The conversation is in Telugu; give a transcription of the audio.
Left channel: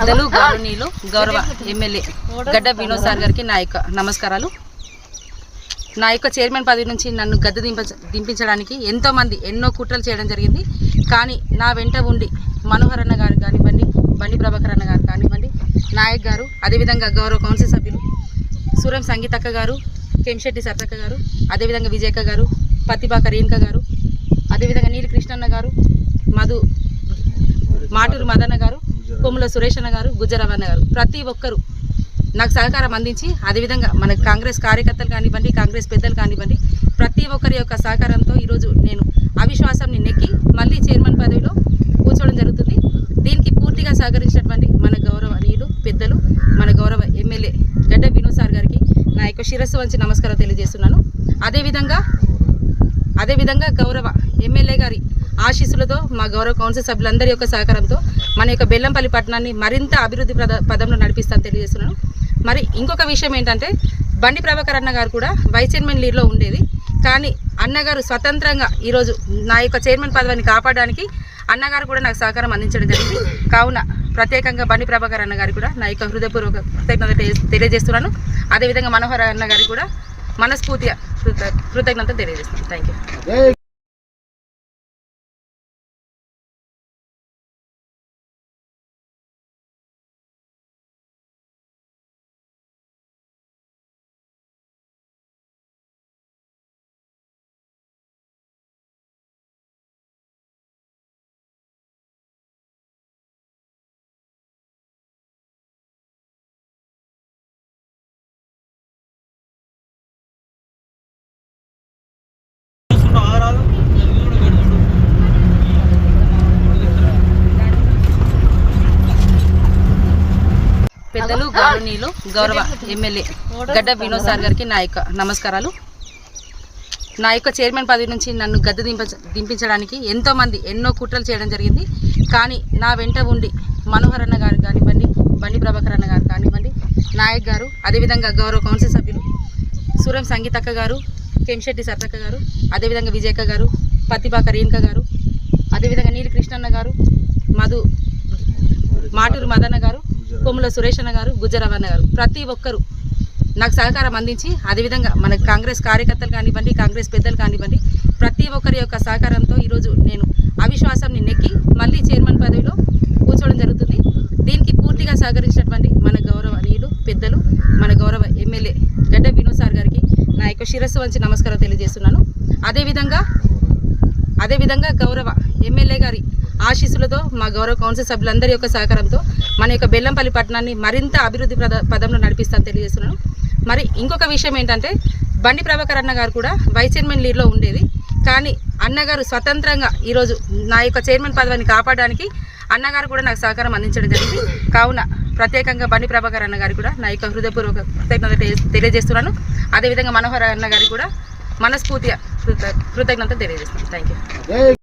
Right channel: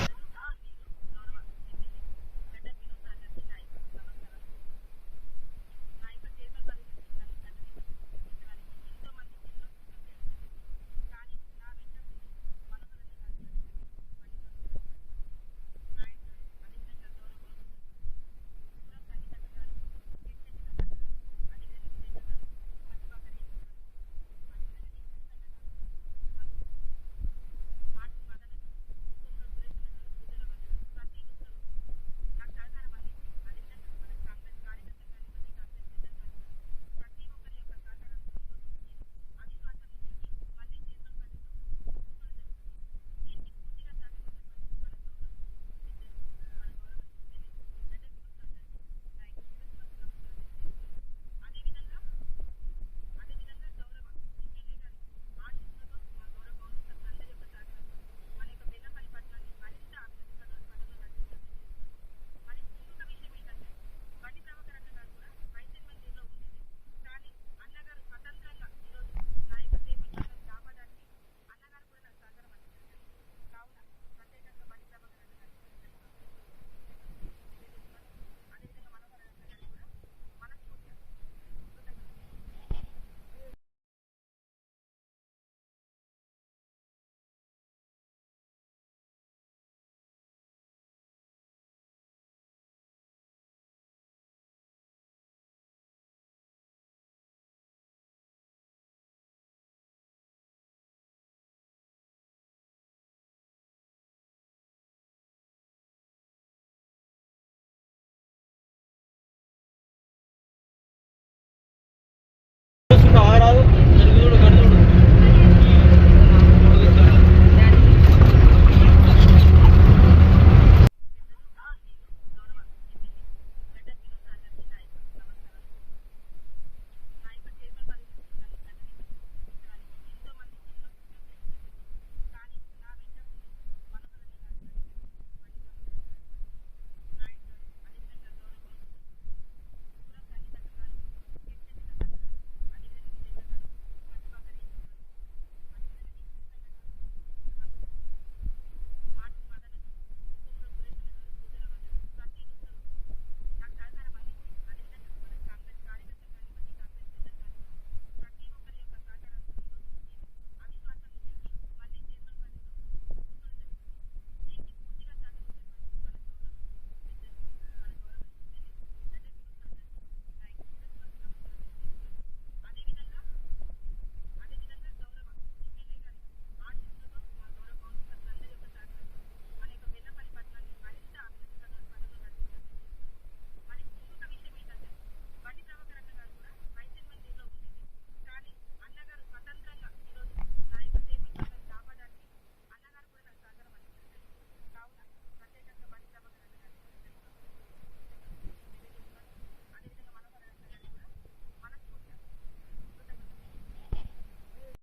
పెద్దలు గౌరవనీయులు గౌరవ ఎమ్మెల్యే గడ్డ వినోద్ సార్ గారికి నా యొక్క నమస్కారాలు. నా యొక్క చైర్మన్ పదవి నుంచి నన్ను గద్దె దింపించడానికి ఎంతోమంది ఎన్నో కుట్రలు చేయడం జరిగింది. కానీ నా వెంట ఉండి మనోహర్ అన్న గారు కానివ్వండి, బండి ప్రభాకర్ అన్న గారు కానివ్వండి, నాయక్ గారు, అదేవిధంగా గౌరవ కౌన్సిల్ సభ్యులు సూరం సంగీతక్క గారు, కెంశెట్టి సర్తక్క గారు, అదేవిధంగా విజయక్క గారు, పతిబాక రేణుక గారు, అదేవిధంగా నీలి కృష్ణన్న గారు, మాటూరు మదన్న గారు, కొమ్ముల సురేష్ అన్న గారు, గుజ్జరవన్న గారు, ప్రతి ఒక్కరూ నాకు సహకారం అందించి, అదేవిధంగా మన కాంగ్రెస్ కార్యకర్తలు కానివ్వండి, కాంగ్రెస్ పెద్దలు కానివ్వండి, ప్రతి ఒక్కరి యొక్క సహకారంతో ఈరోజు నేను అవిశ్వాసాన్ని నెక్కి మళ్ళీ చైర్మన్ పదవిలో కూర్చోవడం జరుగుతుంది. దీనికి పూర్తిగా సహకరించినటువంటి మన గౌరవనీయులు పెద్దలు, మన గౌరవ ఎమ్మెల్యే గడ్డ వినోద్ సార్ గారికి నా యొక్క శిరస్సు వంచి నమస్కారం తెలియజేస్తున్నాను. అదేవిధంగా గౌరవ ఎమ్మెల్యే గారి ఆశీస్సులతో, మా గౌరవ కౌన్సిల్ సభ్యులందరి యొక్క సహకారంతో మన యొక్క బెల్లంపల్లి పట్టణాన్ని మరింత అభివృద్ధి పదంలో నడిపిస్తానని తెలియజేస్తున్నాను. మరి ఇంకొక విషయం ఏంటంటే, బండి ప్రభాకర్ అన్న గారు కూడా వైస్ చైర్మన్ లీడ్లో ఉండేది. కానీ అన్నగారు స్వతంత్రంగా ఈరోజు నా యొక్క చైర్మన్ పదవిని కాపాడడానికి అన్నగారు కూడా నాకు సహకారం అందించడం జరిగింది. కావున ప్రత్యేకంగా బండి ప్రభాకర్ అన్న గారికి కూడా నా యొక్క హృదయపూర్వక కృతజ్ఞత తెలియజేస్తున్నాను. అదేవిధంగా మనోహర్ అన్న గారికి కూడా మనస్ఫూర్తిగా కృతజ్ఞత తెలియజేస్తున్నాను. Thank you. పెద్దలు గౌరవనీయులు గౌరవ ఎమ్మెల్యే గడ్డ వినోద్ సార్ గారికి నా యొక్క నమస్కారాలు. నా యొక్క చైర్మన్ పదవి నుంచి నన్ను గద్దె దింపించడానికి ఎంతోమంది ఎన్నో కుట్రలు చేయడం జరిగింది. కానీ నా వెంట ఉండి మనోహర్ అన్న గారు కానివ్వండి, బండి ప్రభాకర్ అన్న గారు కానివ్వండి, నాయక్ గారు, అదేవిధంగా గౌరవ కౌన్సిల్ సభ్యులు సూరం సంగీతక్క గారు, కెంశెట్టి సర్తక్క గారు, అదేవిధంగా విజయక్క గారు, పతిబాక రేణుక గారు, అదేవిధంగా నీలి కృష్ణన్న గారు, మాటూరు మదన్న గారు, కొమ్ముల సురేష్ అన్న గారు, గుజ్జరవన్న గారు, ప్రతి ఒక్కరూ నాకు సహకారం అందించి, అదేవిధంగా మన కాంగ్రెస్ కార్యకర్తలు కానివ్వండి, కాంగ్రెస్ పెద్దలు కానివ్వండి, ప్రతి ఒక్కరి యొక్క సహకారంతో ఈరోజు నేను అవిశ్వాసాన్ని నెక్కి మళ్ళీ చైర్మన్ పదవిలో కూర్చోవడం జరుగుతుంది. దీనికి పూర్తిగా సహకరించినటువంటి మన గౌరవనీయులు పెద్దలు, మన గౌరవ ఎమ్మెల్యే గడ్డ వినోద్ సార్ గారికి నా యొక్క శిరస్సు వంచి నమస్కారం తెలియజేస్తున్నాను. అదేవిధంగా గౌరవ ఎమ్మెల్యే గారి ఆశీస్సులతో, మా గౌరవ కౌన్సిల్ సభ్యులందరి యొక్క సహకారంతో మన యొక్క బెల్లంపల్లి పట్టణాన్ని మరింత అభివృద్ధి పదంలో నడిపిస్తానని తెలియజేస్తున్నాను. మరి ఇంకొక విషయం ఏంటంటే, బండి ప్రభాకర్ అన్న గారు కూడా వైస్ చైర్మన్ లీడ్లో ఉండేది. కానీ అన్నగారు స్వతంత్రంగా ఈరోజు నా యొక్క చైర్మన్ పదవిని కాపాడడానికి అన్నగారు కూడా నాకు సహకారం అందించడం జరిగింది. కావున ప్రత్యేకంగా బండి ప్రభాకర్ అన్న గారికి కూడా నా యొక్క హృదయపూర్వక కృతజ్ఞత తెలియజేస్తున్నాను. అదేవిధంగా మనోహర్ అన్న గారికి కూడా మనస్ఫూర్తిగా కృతజ్ఞత తెలియజేస్తున్నాను. Thank you.